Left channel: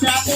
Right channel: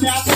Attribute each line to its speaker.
Speaker 1: Gracias.